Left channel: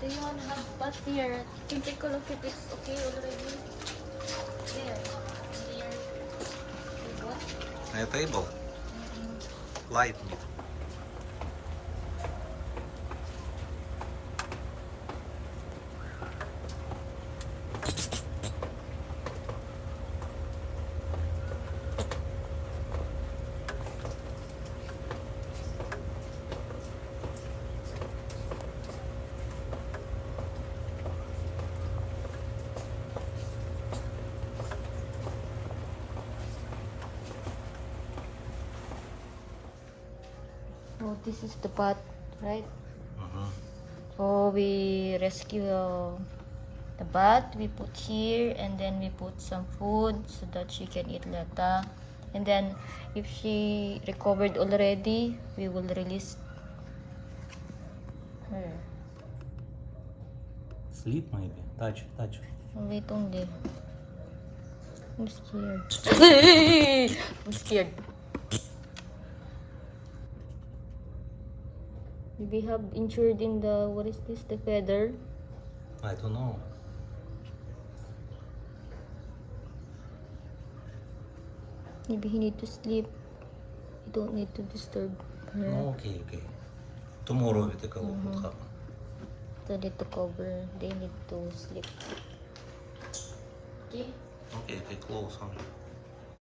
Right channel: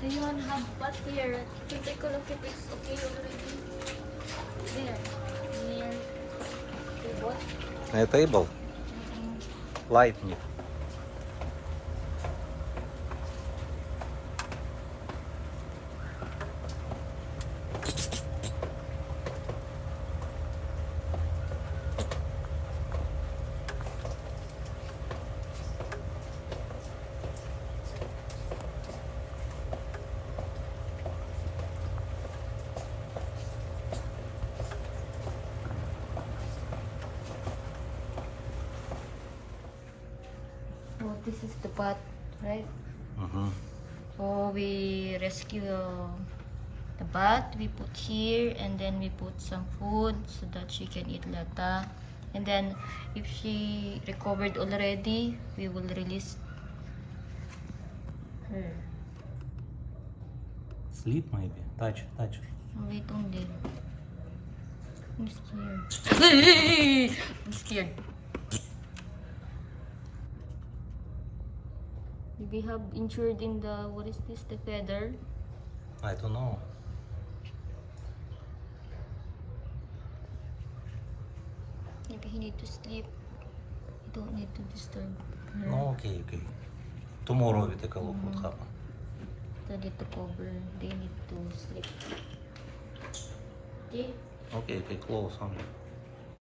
Do you want to have what here? Can take a look if it's okay already. There. And then, table. A table? Light need. So this is the pot, right? Uh-huh. So we rescue the bat, we put here, and then we put some food so that she can eat later. And then if she recovered already, we will release her. Sleep maybe. Touch. Wait only. I'm scared. I'm scared. We have injured in the, what is this, the feather? I don't know. Maybe he need to sleep. You don't need to disturb her. No, okay. Tomorrow we take a look what happened. They need to cover. They need to sleep. Okay? Okay, close only.